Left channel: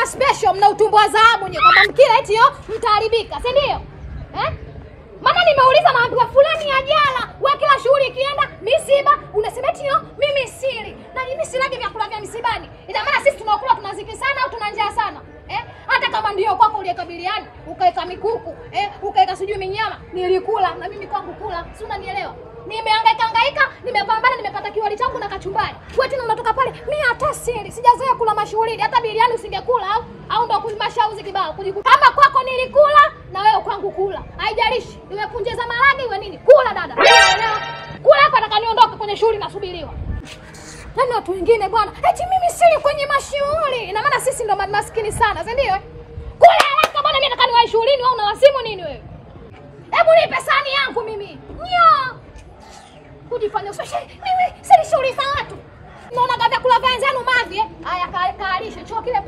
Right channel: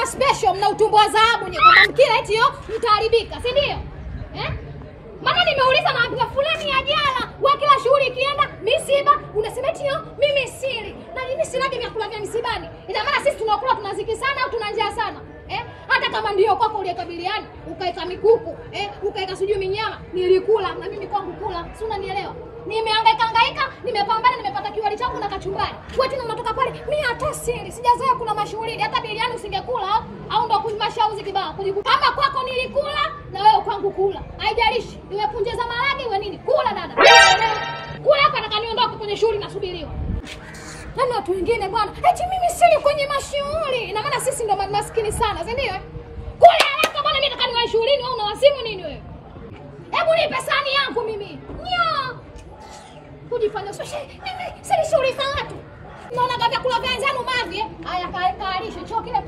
kama special mna utumbo wa dhahabu nyewe kama mkila eti yo mtaharibika, si ndio? Maana nimeuliza naambiwa fulani ya jana, wewe kila shughuli ikienda misiba unasema eti yo mimi siri. Na mimi silagi vyakula vya msibani. Ina maana sisi tunakula tunaziki sana au tuna njaa sana? Hata kama ndio kwako uliekabiliana, ukaeka mikuku, ukaeka sijui minyama, nilikula na mimi kwangu kula. Si unanielewa? Nimehangaika, nimepambana, nimepata kiwali changu na kachumbari. Wewe tena unatoka pale, mimi hata siri, sijazoea kula mashughuli, hata biriani usingekula au ndio kuimashauzi kibao. Kama kwako nilikula na wewe kwangu kula. Haijalishi, iwe punje za malagi iwe nini, kula dada. Kula hapa nataka niondoke kwenye shughuli nasubiriwa. Nani watu wengine bwana, eti mimi siri kwenye mashughuli. Ina maana sisi ndio maskini sana, si ndio? Kula haraka bwana, mimi nataka niwahi shughulini, wewe unawasimu nini wewe? Hebu nipe sahani yangu mimi. Kujifanya sasa mimi sisi shughuli za watu. Naona kabla kula ganzano mavi haya kaalisha chukua kile